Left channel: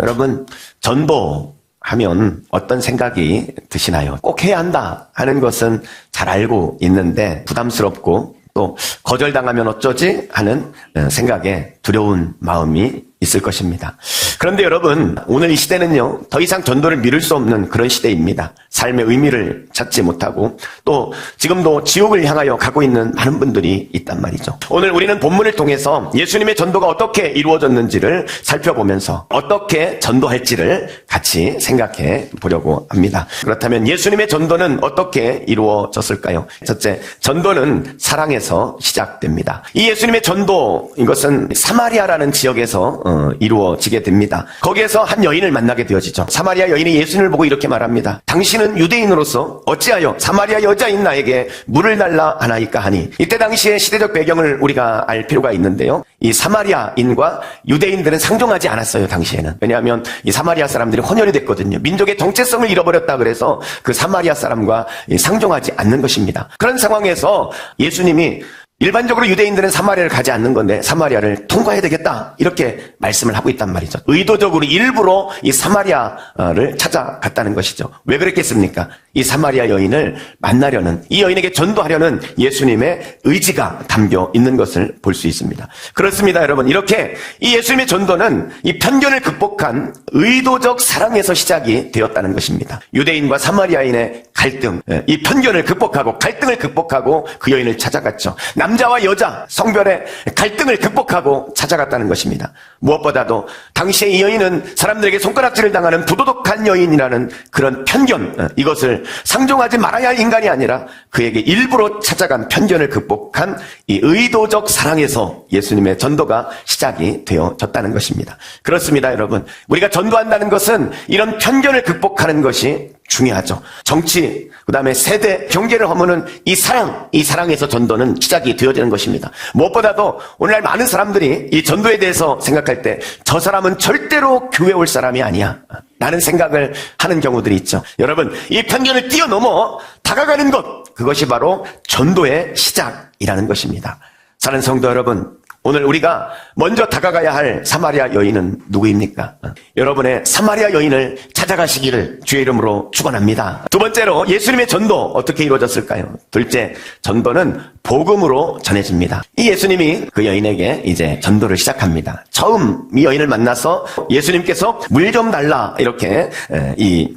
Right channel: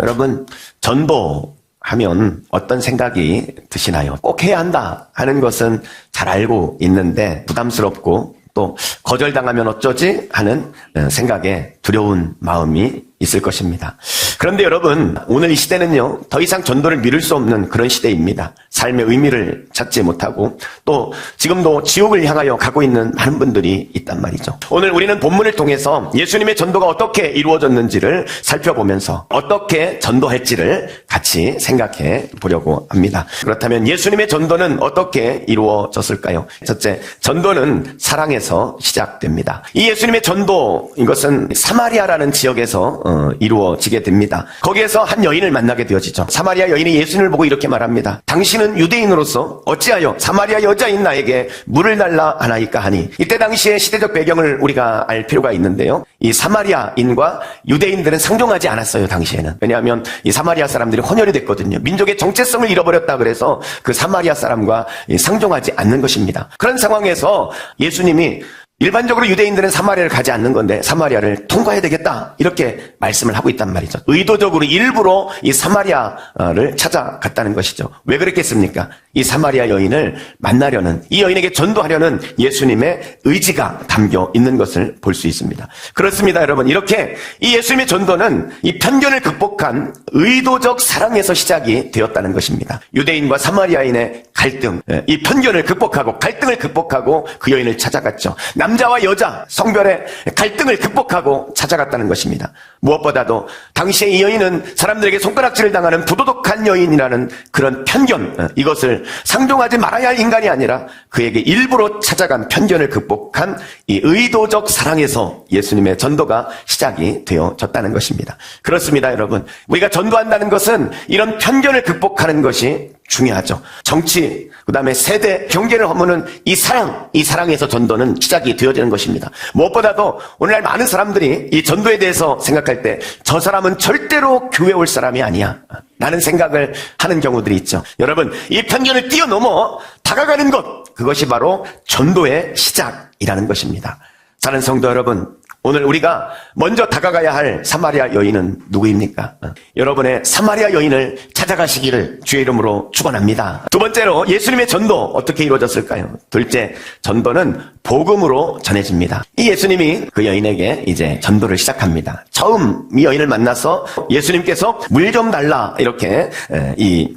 여러분, 전도하면 어떤 생각이 드시나요? 꼭 해야 한다 하는 것은 잘 알고 있는데 부담스럽고 또 거절당하면 어쩌지 하는 생각에 두려운 마음이 있을 것입니다. 그런데 여러분, 오늘 이 시대는요, 더 이상 전도를 미룰 수 없는 그런 시대입니다. 삶의 의미를 찾지 못하고 또 지금도 지옥을 향하여 가고 있는 많은 분들이 있단 말이죠. 오늘 우리는 본문을 통해서 예수님의 전도가 어떻게 이루어졌는지를 살펴보면서 어떻게 전도할지를 같이 생각해 보려고 합니다. 그렇다면 예수님의 전도는 어떻게 이루어졌을까요? 첫째, 전도는 사랑에서 시작됩니다. 이 예수님의 전도, 이것은 사마리아라는 지역에서 이루어지게 됩니다. 거기에서 한 여인을 만나게 되어지죠. 사마리아 여인이 예수님을 보고 이렇게 말합니다. 당신은 유대인으로서 어찌하여 사마리아 여자인 나에게 물을 달라 하나이까 하니. 이때 당시의 시대적 배경을 우리가 알 필요가 있는데요, 이 사마리아인과 유대인들은 상종하지 않았어요. 당시에는. 왜냐하면 이 사마리아 사람들이 혼혈이 됐거든요. 민족의 정체성을 잃어버렸다 그래서 그 사마리아 사람과 상종하지 않는 것입니다. 그런 상황에서 예수님이 일반적으로 유대인들은 사마리아를 가지 않는 건데 사마리아를 통과해야 되겠다 이렇게 말씀을 하고 있단 말이죠. 의도적으로 일부러 이 사마리아를 찾아갔다는 것이죠. 왜 그랬겠습니까? 이 사마리아 여인을 만나려는, 이 여인에게 전도하려는 예수님의 의지가 담겨 있는 것을 볼 수 있습니다. 그렇습니다, 여러분. 이렇게 이 예수님의 전도는 이 편견을 극복한 의도적 사랑에서 시작이 되었다는 것입니다. 유대인과 사마리아인의 갈등, 이 편견을 극복하고 갈등을 극복하고 그 여인을 찾아갔죠. 남자와 여자, 성별의 갈등을 극복하고 찾아갔다는 것입니다. 무엇보다도 당시에 이 여인은 사람들에게 손가락질을 당하는 부도덕한 여인이라는 그런 편견, 이것을 상종하지 말아야 할 인간이 아니라 그에게 일부러 찾아간 편견을 극복한 이 의도적 사랑에서 예수님의 전도가 시작이 되어졌다는 것입니다. 그렇습니다, 여러분. 우리가 전도한다는 것은 이런 편견을 극복하는 것이 중요하죠. 정치, 그 다음에 세대, 경제를 허무는 이 사랑에서 전도는 시작이 되어지는 것입니다. 무엇보다도 오늘날 많은 사람들이 이 전도에 대해서 생각할 때 저 사람은 절대로 교회 올 사람이 아니야 라는 생각을 하는 경우들이 있죠. 여러분, 이 편견을 뛰어넘어 다가가는 것, 그것이 바로 전도의 시작이라는 것입니다. 사랑하는 성도 여러분, 오늘 우리가 먼저 다가가야 할 사마리아 여인은 누구입니까? 여러분의 사마리아 여인을 찾아가시기를 주의 이름으로 축원합니다. 두 번째로 예수님의 전도 어떻게 이루어졌을까요? 둘째, 전도는 복음으로 전해집니다. 이 예수님이 그 여인에게 이제 전도를 시작합니다. 처음 이 여인을 만나서 예수님께서 물 좀 달라 이렇게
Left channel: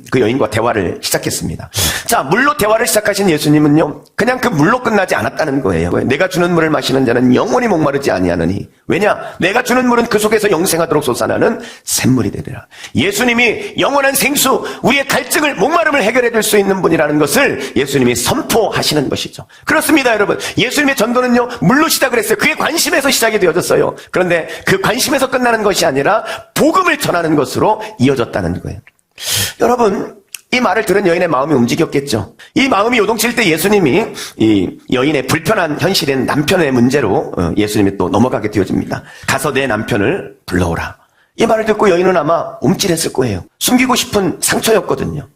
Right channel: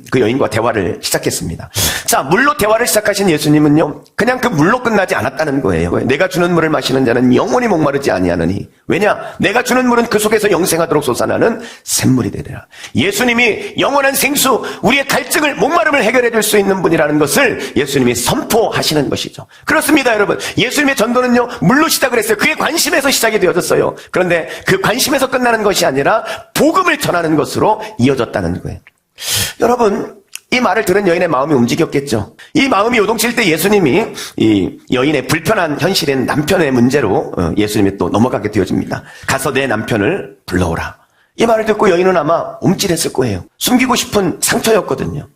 그 여인과 대화를 시작했습니다. 자, 물로 대화를 시작하신 예수님은요, 그냥 그 물로 끝나지 않았다는 거예요. 내가 주는 물을 마시는 자는 영원히 목마르지 아니하느니. 왜냐? 내가 주는 물은 그 속에서 영생하도록 솟아나는 샘물이 되리라. 예수님이 영원한 생수, 우리의 갈증을, 목마름을 해결해 줄 수 있는 분이라는 것을 예수님이 선포하시는 것이죠. 그렇습니다, 여러분. 예수님의 전도는요, 물로 시작을 했어요. 그의 관심에서 시작이 되어졌어요. 그런데 그 관심에서 끝나는 것이 아니라 복음을 전하는 것으로 이어졌다는 거예요. 여러분, 이 말을 들은 여인의 마음이 움직였겠죠. 이 마음이 요동칠 때 예수님이 이 여인의 불편한 현실인 남편의 문제로 예수님이 또 넘어가게 되어집니다. 가서 내 남편을 불러오라. 이 말을 듣고 여인은 아마 움찔했을 거예요. 숨기고 싶은 상처였거든요.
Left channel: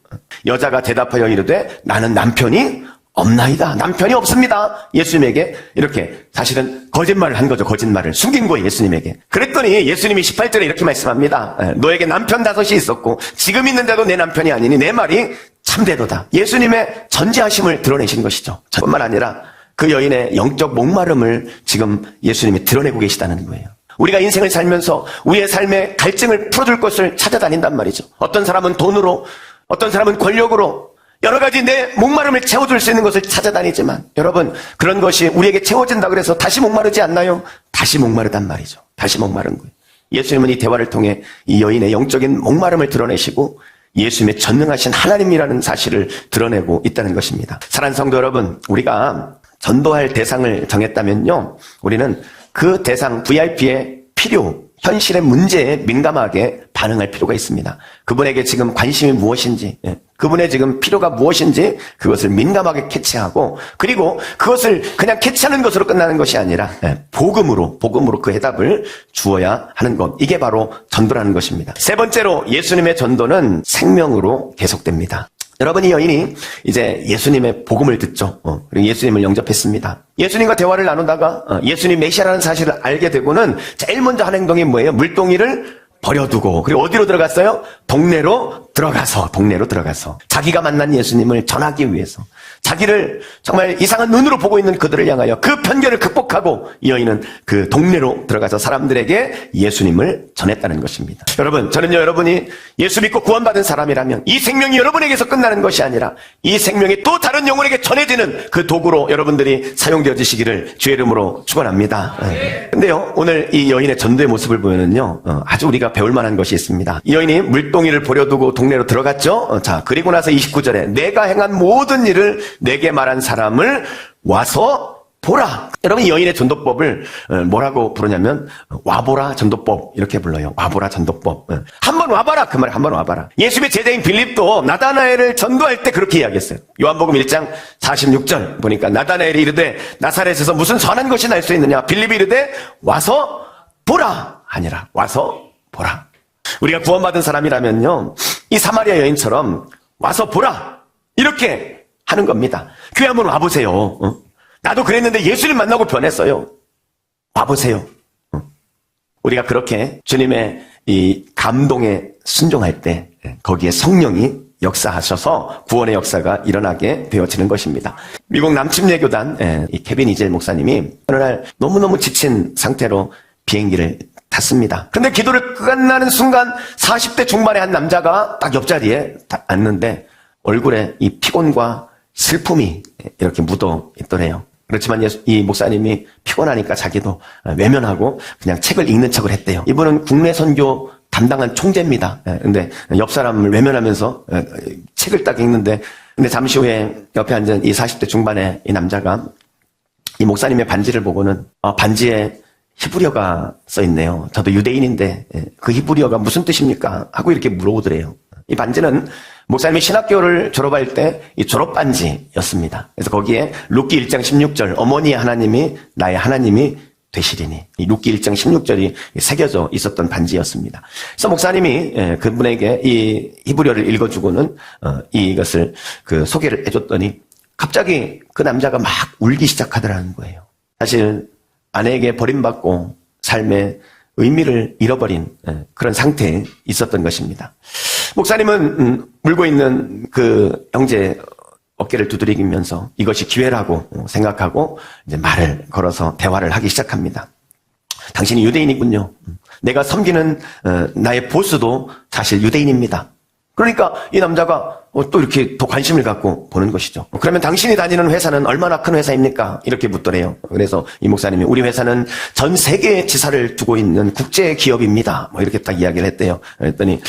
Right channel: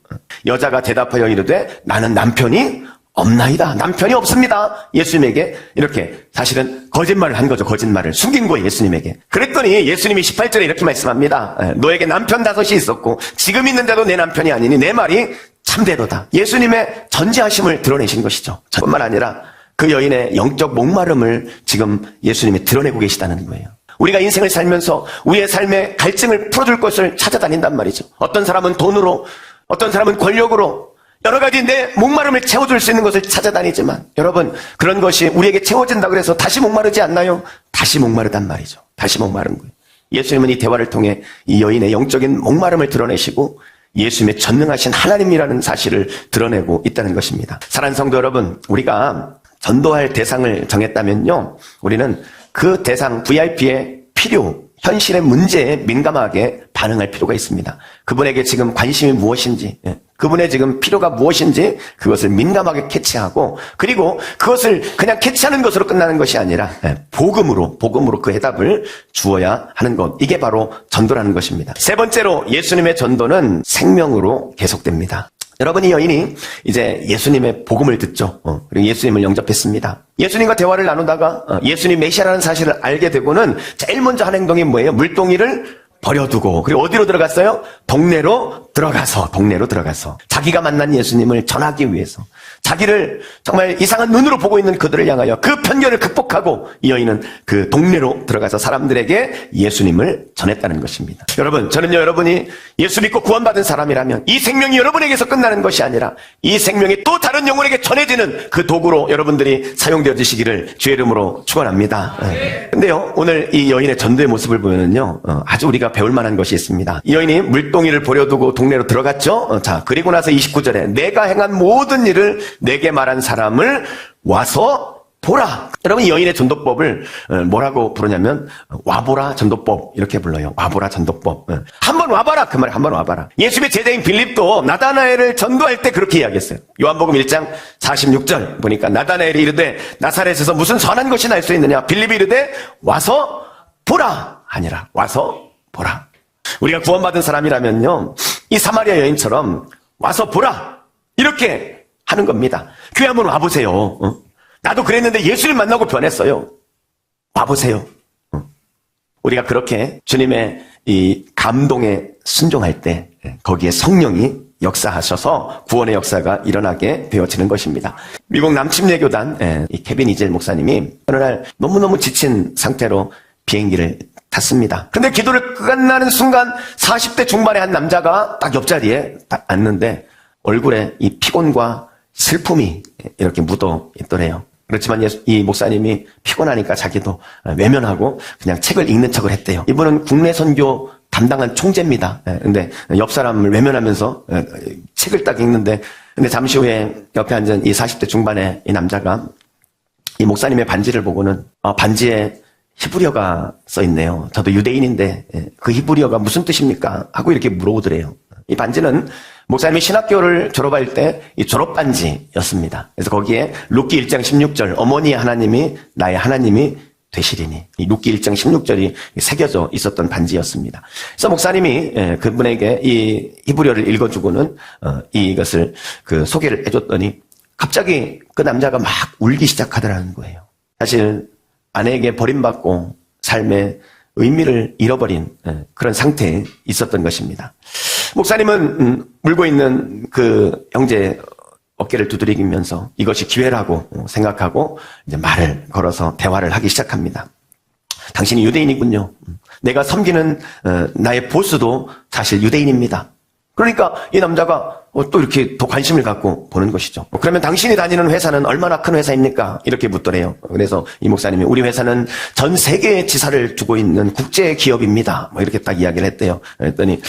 여자가 대답하여 이르되 나는 남편이 없나이다. 남편이 없습니다. 예수님에게 이렇게 사실은 거짓말을 한 거죠. 거짓말을 숨긴 거예요, 예수님에게. 그랬더니 예수님이 18절에 이렇게 말씀합니다. 너에게 남편 5이 있었고 지금 있는데도 내 남편이 아니니 내 말이 참되도다. 예수님의 전지하심을 드러내신 것이죠. 뿐만 아니라 그 여인의 영적 목마름을 지금 예수님이 드러내고 계시다는 거예요. 우리가 인생을 살면서 우리의 삶의 갈증을 풀어줄 것을 찾아다닌단 말이죠. 어떤 사람은 돈으로, 어떤 사람은 권력으로, 여러 가지 내 목마름을 채워줄 수 있는 것을 찾아다니지만 여러분, 그런 것이 우리에게 채워진다고 해서 다시 목마르지 않나요? 다시 목마르단 말이죠. 다시 목마른 거예요. 예수님은 이 대화를 통해 이 여인의 영적인 목마름을 드러내시고 예수님의 전능하신 하나님이라는 사실을 드러내고 있다는 것입니다. 사랑하는 성도 여러분, 우리가 전도할 대상을 정했다면요, 우리는 그 대상 VIP의 필요, 현실의 문제에 민감하게 반응할 필요가 있습니다. 그분에게 지금 관심이 무엇인지, 그분의 지금 필요가 무엇인지 그것을 민감하게 캐치하고, 그리고 그것을 그냥 캐치하는 것으로 끝나는 것이 아니라 복음으로 그 해답을 주어야 하는 것, 이게 바로 전도라는 것입니다. 세 번째로 예수님의 전도는 생명으로 계속됩니다. 여러분, 이 여인이 이제 예수님의 복음을 듣죠. 그리고 예수님을 영접했습니다. 예수님과 대화를 나누다가 예수님 메시아라는 사실을 알게 되고는 제일 먼저 한 행동이 뭐예요? 물동이를 버려두고, 그리고 어디로 들어갔어요? 동네로 들어가서 자기가 만난 예수님을 전하기 위해서, 자기를 정말 이상한 눈으로 보고 있는 그들을 향하여 그 편견을 극복하고 이 여인은 그 동네로 들어가서 사람들에게 예수님을 전했다는 것입니다. 여러분, 저는요, 여러분이 예수 믿고 구원받은 사람이라면 이 생명이 여러분에게서 끝나는 것이 아니라 이 생명이 또 다른 영혼에게 전해지는 그 도구로 여러분들이 사용되어지시기를 주의 이름으로 축원합니다. 근데요, 오늘 이 여인의 전도의 모습을 보면은요, 아주 우리가 배울 만한 것이 있습니다. 이 여인이 물동이를 버려두고 동네로 들어갔죠. 자, 그리고 나서 29절에 내가 행한 모든 일을 내게 말한 사람을 와서 보라. 여러분, 이 여인의 전도법을 뭐라고 부르냐면 와보라 전도법 이렇게 불러요. 와보라 전도법. 한번 와봐라, 그 말에 한번 와봐라. 예수의 제자인 빌립도 나다나엘을 전도할 때 그렇게 이야기했어요. 요한복음 1장 46절 보니까 나다나엘이 이르되 나사렛에서 무슨 선한 것이 날 수 있느냐. 빌립이 이르되 와서 보라 아니라 와서 보라. 우리가 구원받은 사람이라면요, 이 사마리아 여인처럼 와서 보라 이렇게 하는 겁니다. 교회 한번 와보세요. 나도 그랬는데 예수를 만나고 변했어요. 와보세요. 우리가 그렇게 주님의 이 감동에 순종할 때 거기에 성령이 역사하셔서 구원의 역사가 일어나게 되어지는 것입니다. 미국 남침례교단 이 케빈 이젤 목사님이 어느 날 너무너무 지친 상태로 비행기를 탔습니다. 근데 기도를 끝나는 순간 40대 중반의 한 남자가 딱 옆자리에 딱 앉는데 얼굴에 이 피곤과 슬픔이 이렇게 묻어 있더래요. 그렇지만 이 목사님이 피곤하니까 자기도 외면하고 그냥 책을 읽는 척을 했대요. 이분은 국내 선교 담당한 총재입니다. 근데 옆 사람을 외면하면서 책을 딱 읽는데, 근데 잠시 후에 옆에 앉은 이 40대 중반의 이 남자가 이 목사님의 반지를 보고는 반지에 히브리어가 써있네요. 저도 유대인인데 그 히브리어가 무슨 뜻입니까? 하고 이렇게 물어보더래요. 이 반지는 목사님이 신학교를 졸업할 때 이 졸업반지였습니다. 그래서 거기에 룻기 1장 16절 어머니 하나님이 나의 하나님이 되시리니, 이 룻기 1장 16절이 새겨져 있었던 반지였습니다. 그래서 목사님이 그분에게 이 히브리어를 읽어주고는 이것을 그 소개를 해줬더니 갑자기 그 남자가 막 울기 시작하더라는 거예요. 사실 아내에게 버림받고 삶의 의미를 잃어버린 그런 상태에 있었던 것입니다. 목사님은 울고 있는 그 형제 어깨를 두드리면서 이것이 기회라고 생각하고 이제 말을 걸어서 대화를 하기 시작합니다. 당신이 유대인이군요. 내가 섬기는 나의 보스도 사실 유대인입니다. 그러니까 이 남자가 또 이렇게 더 관심을 갖고 보는 것이죠. 그러면 당신이 다니는 회사는 얼마나 큰 회사입니까? 이렇게 묻더래요. 그래서 이 목사님이 우리 회사는 전 세계에 지사를 두고 있는 국제 기업입니다. 뭐 이렇게 딱 이야기를 했대요. 그랬더니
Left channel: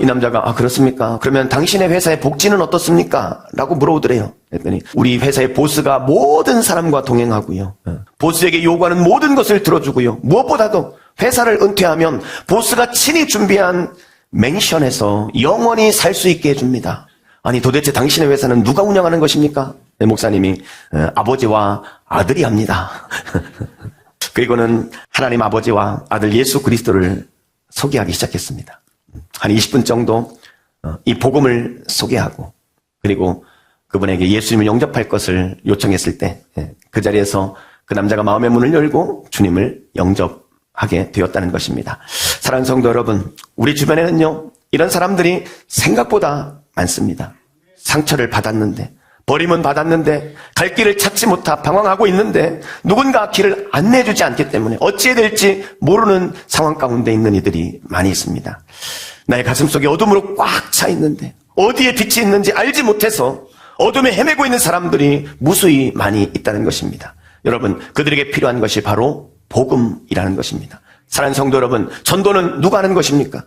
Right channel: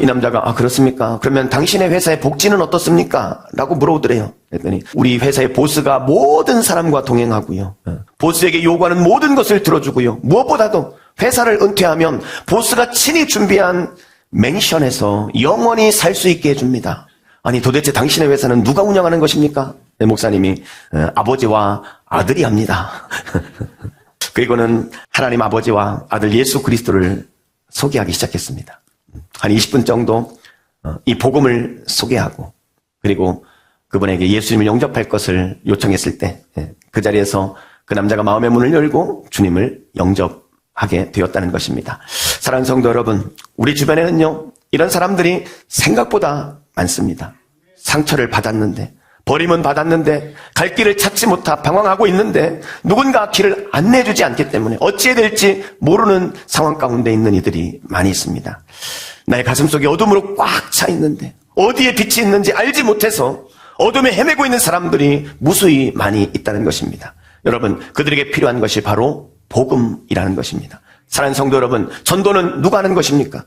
이 남자가 그렇습니까? 그러면 당신의 회사의 복지는 어떻습니까? 라고 물어보더래요. 그랬더니 우리 회사의 보스가 모든 사람과 동행하고요. 보스에게 요구하는 모든 것을 들어주고요. 무엇보다도 회사를 은퇴하면 보스가 친히 준비한 맹션에서 영원히 살 수 있게 해줍니다. 아니 도대체 당신의 회사는 누가 운영하는 것입니까? 네, 목사님이 아버지와 아들이 합니다. 그리고는 하나님 아버지와 아들 예수 그리스도를 소개하기 시작했습니다. 한 20분 정도 이 복음을 소개하고 그리고 그분에게 예수님을 영접할 것을 요청했을 때 그 자리에서 그 남자가 마음의 문을 열고 주님을 영접하게 되었다는 것입니다. 사랑하는 성도 여러분, 우리 주변에는요 이런 사람들이 생각보다 많습니다. 상처를 받았는데, 버림은 받았는데, 갈 길을 찾지 못하 방황하고 있는데 누군가 길을 안내해주지 않기 때문에 어찌해야 될지 모르는 상황 가운데 있는 이들이 많이 있습니다. 나의 가슴속에 어둠으로 꽉 차 있는데 어디에 빛이 있는지 알지 못해서 어둠에 헤매고 있는 사람들이 무수히 많이 있다는 것입니다. 여러분, 그들에게 필요한 것이 바로 복음이라는 것입니다. 사랑하는 성도 여러분, 전도는 누가 하는 것입니까?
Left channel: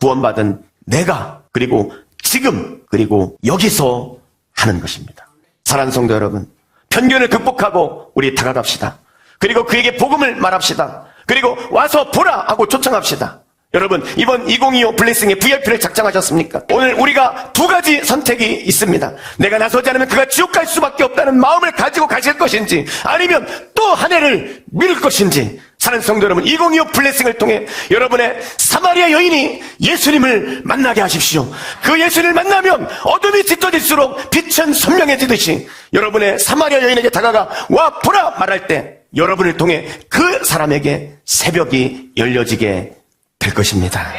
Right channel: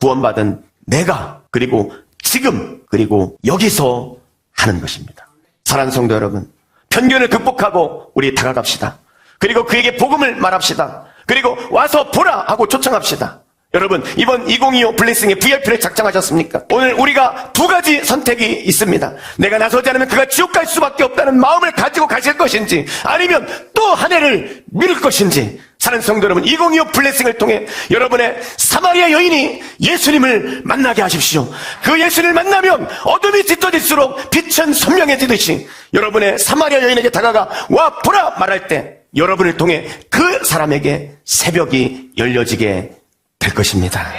구원받은 내가, 그리고 지금, 그리고 여기서 하는 것입니다. 사랑하는 성도 여러분, 편견을 극복하고 우리 타락합시다. 그리고 그에게 복음을 말합시다. 그리고 와서 보라 하고 초청합시다. 여러분, 이번 2025 블레싱의 VIP를 작정하셨습니까? 오늘 우리가 두 가지 선택이 있습니다. 내가 나서지 않으면 그가 지옥 갈 수밖에 없다는 마음을 가지고 가실 것인지, 아니면 또 한 해를 미룰 것인지. 사랑하는 성도 여러분, 2025 블레싱을 통해 여러분의 사마리아 여인이 예수님을 만나게 하십시오. 그 예수님을 만나면 어둠이 짙어질수록 빛은 선명해지듯이 여러분의 사마리아 여인에게 다가가 와 보라 말할 때 여러분을 통해 그 사람에게 새벽이 열려지게 될 것입니다.